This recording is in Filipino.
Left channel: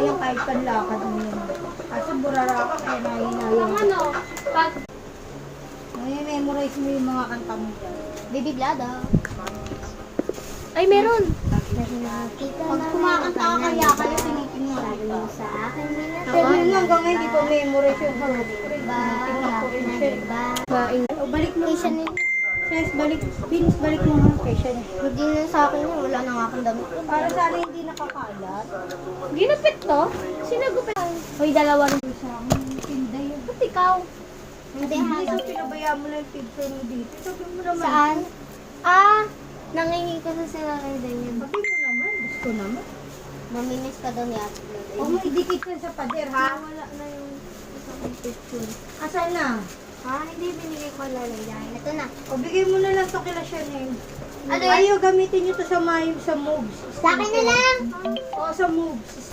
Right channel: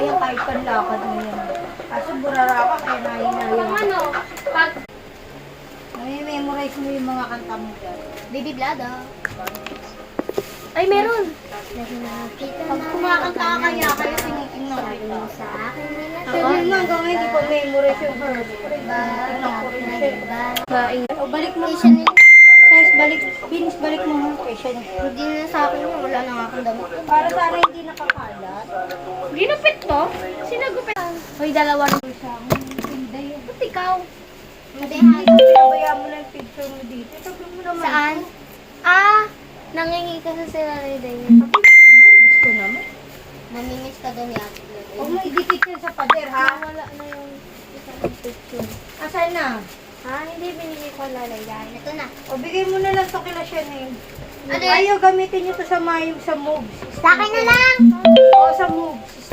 yan kahit panlakad mo yan. Kaso burara ka kaya nahihinayan. Ano? Pag Memorize mo yung mga kanta mo dyan. Baby Blada. Ay, meron. Pag kumakanta ka kaya kayo tinitingnan kita. Sa akin, Pero yun nga, hanggang ngayon, di pa memorize yung verb. Tinitingnan ko rin siya. O balik mo siya ni... Guys, balik. Binis, balik mo nga kay siya. Hindi na sa akin yun. Wala na nga akong damit. Para sana hindi nakakalat. Ginupit to? Sinagupit. Hoy, dalawa na. Sa akin, tinda yun. Ba't ikaw? Hindi Hindi ko pinabayaan mo na yung picture mo dito. Sabi mo naman. Saan? Nangingi ko sa sila na din. Sabi mo naman. Gusto naman. Namimiss ka doon yata. Huwag mo idikit yun sa pader, ha? Wala na yung isang picture. Asan na? Hindi binili ko lalayan. Ito na. O, bigay mo na lang to kila Chanel. Ano yan? Ayaw, gamitin nyo to sa moves. Sa akin na lang. O, sa moves.